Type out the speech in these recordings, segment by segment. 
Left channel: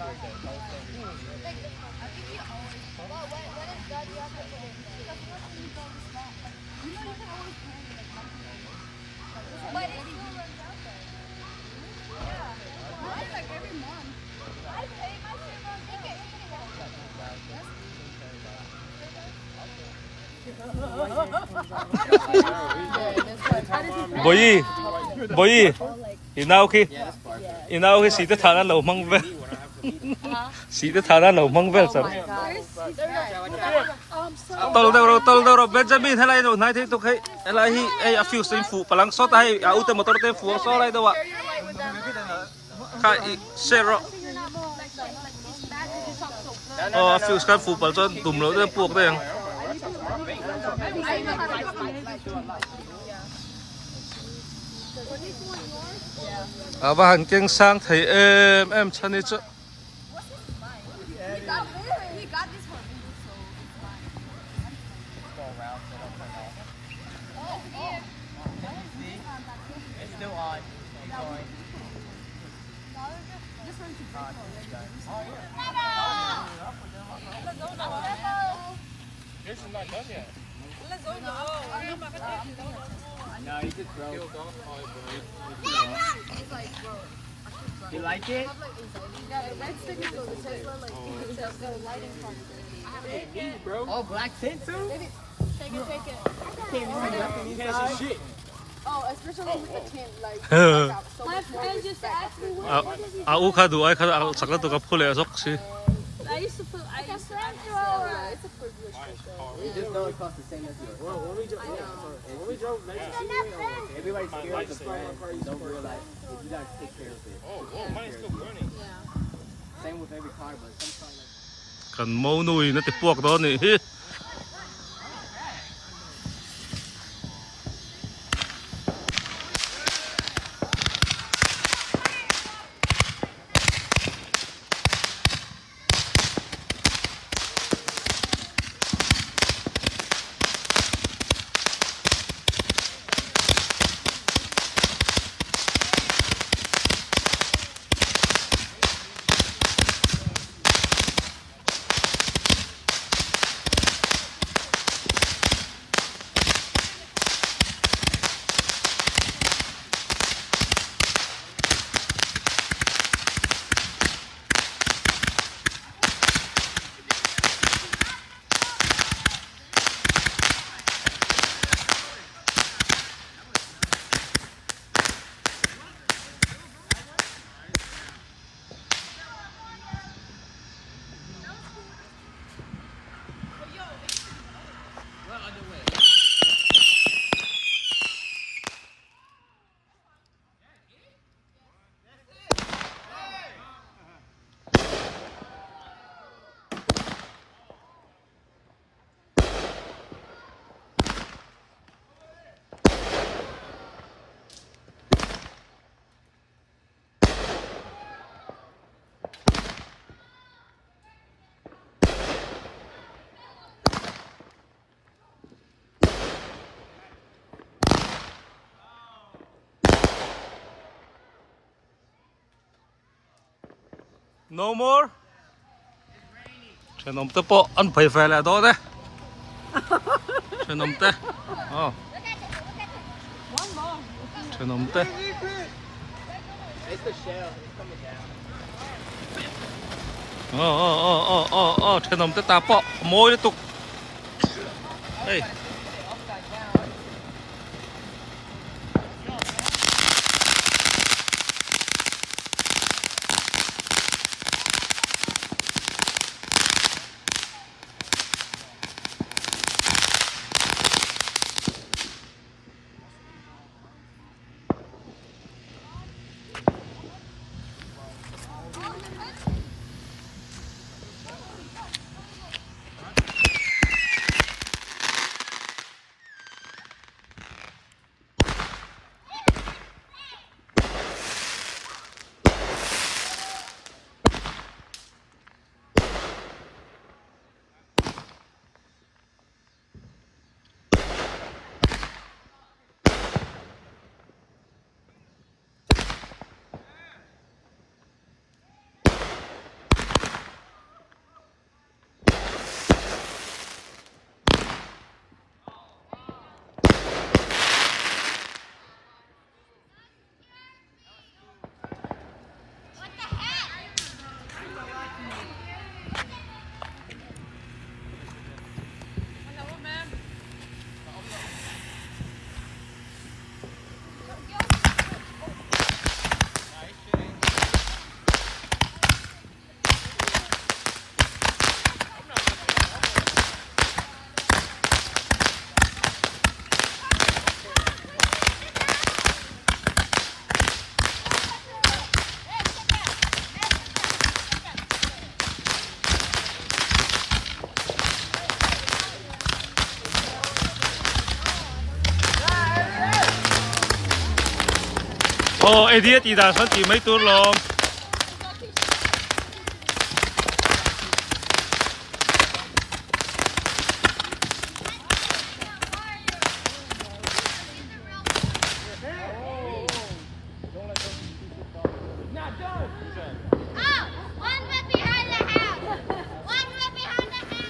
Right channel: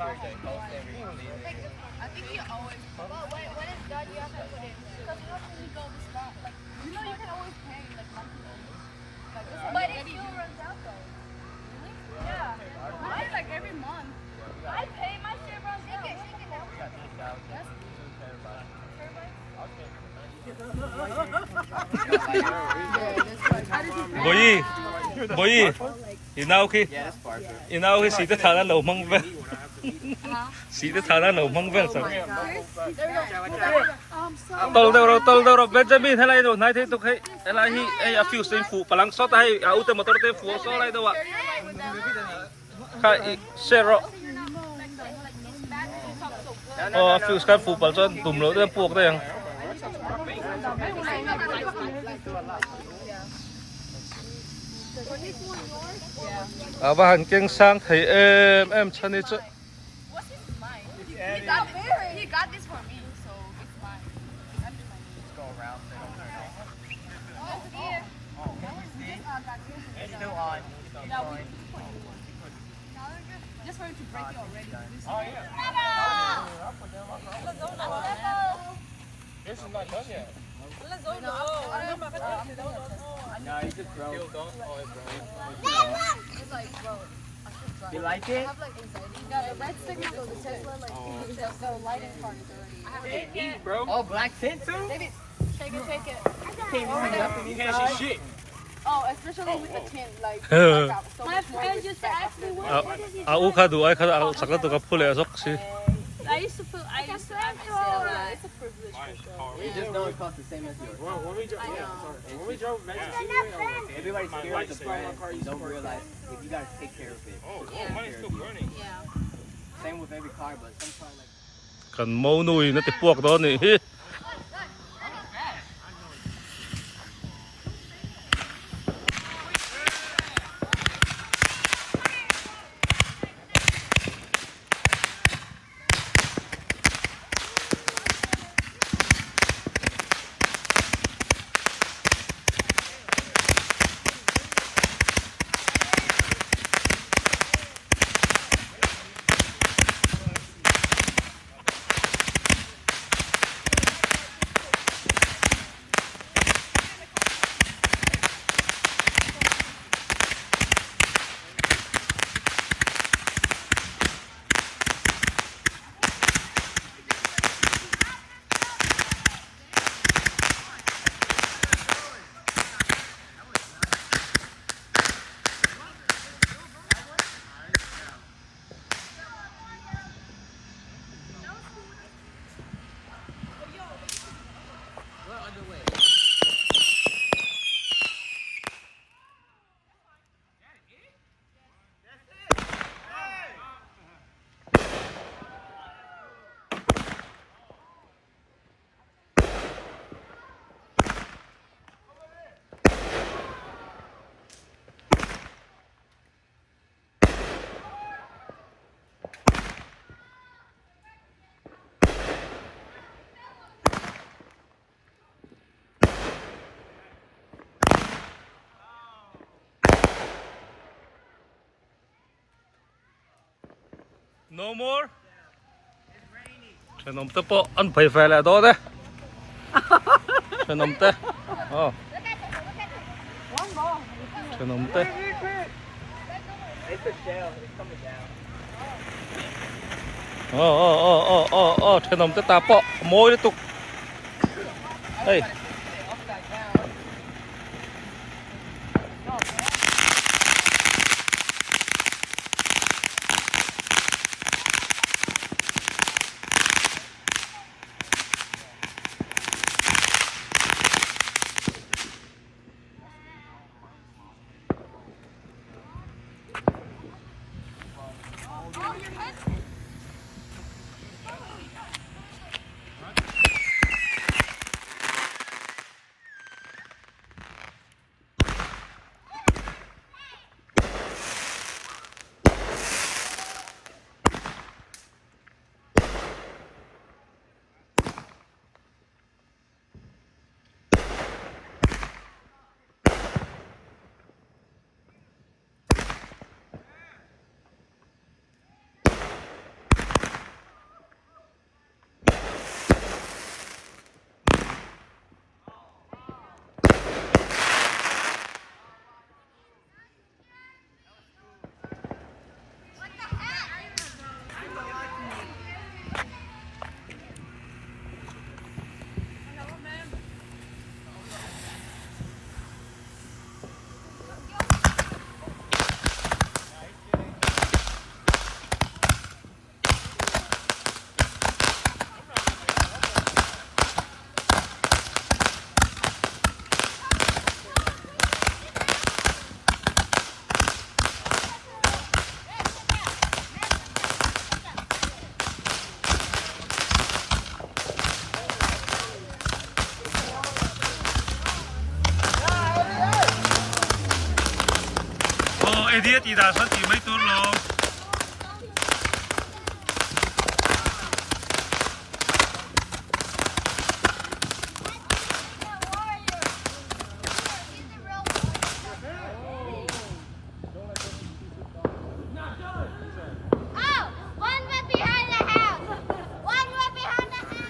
I think he always. Well, when it's done, you have to put it. Because when you go this back, like you know, you can always pay like monthly. But it still runs out though. Really? Yeah. Mine like every month. I pay my shit runs out. Boy, boy, you know khi sĩ tới thằng lâu măng về, sĩ tới thằng lâu măng về sao? Tol đâu Benjamin hay là đâu này thì tôi thấy là hi a few sinh phụ, palang sót hay ưu tiên motor tên phụ sót lại đâu ạ? Cái zero. A few cái phụ palang sót tụm lỗ tên buộc đây. Và hành kinh sang thấy em chân đi chứ. This is not done yet. No, you just throw. You like it? Yeah, the red stick is the light in front. Take it. Bro. Oh, black tint too? Take it. Take it. You can't see shit. Oh, especially with the tint, like. My friend used to ask me what. Avocado, I can sakla to kapule asok si. I used to feel like a flamethrower. It's a privilege. You just know it costs the same as you. When we drove everybody's scared of the fire car, you don't realize if you gotta take care of it. Oh, mine's still burning. Yeah. Same with every car, but sometimes. Kan mau nuôi nó thì buộc đó nè. No more. Chuyện nằm tới bộ ăn phải về lại đó đấy. Chuyện nằm tới. Chuyện nằm tới. Chuyện nằm tới ta bộ môi liên tục. Hey. Oh, dia tidak sakit, mấy tur long.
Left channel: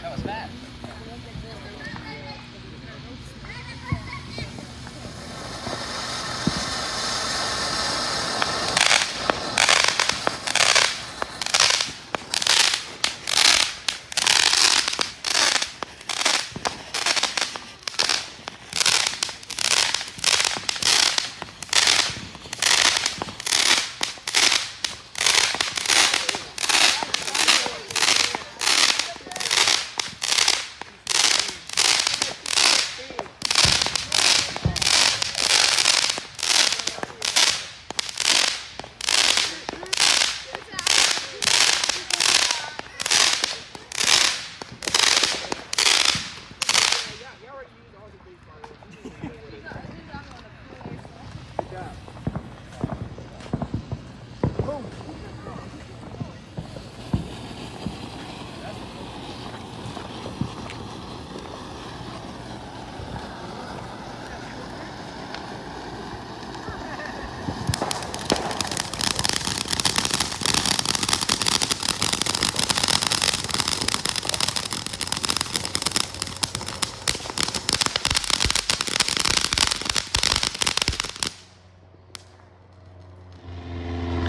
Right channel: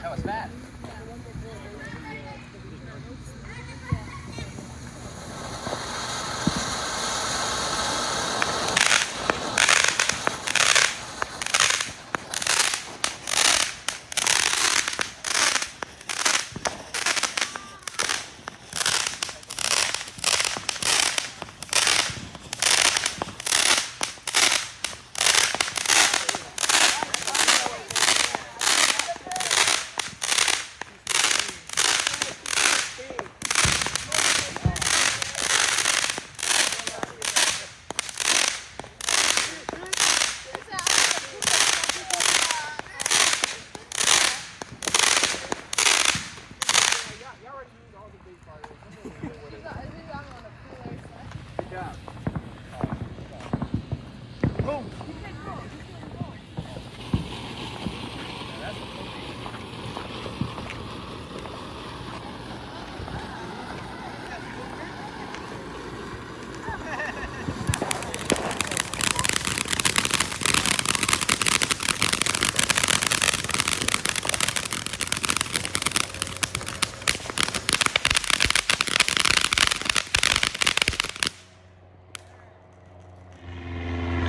That was fast.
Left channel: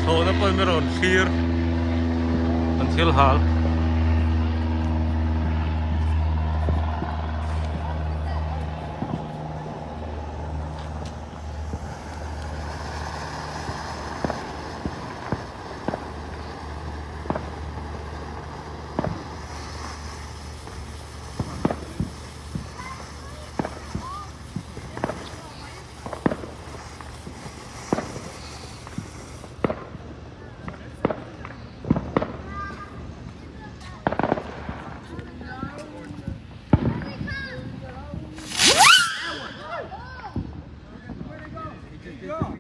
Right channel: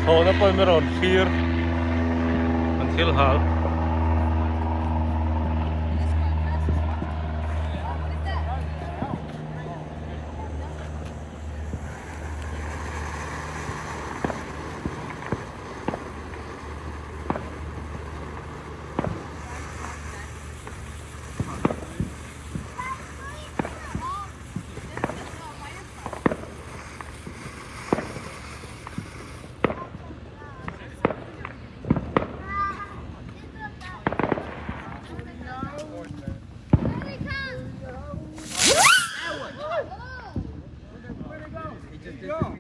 So, na po meron 4 until hal.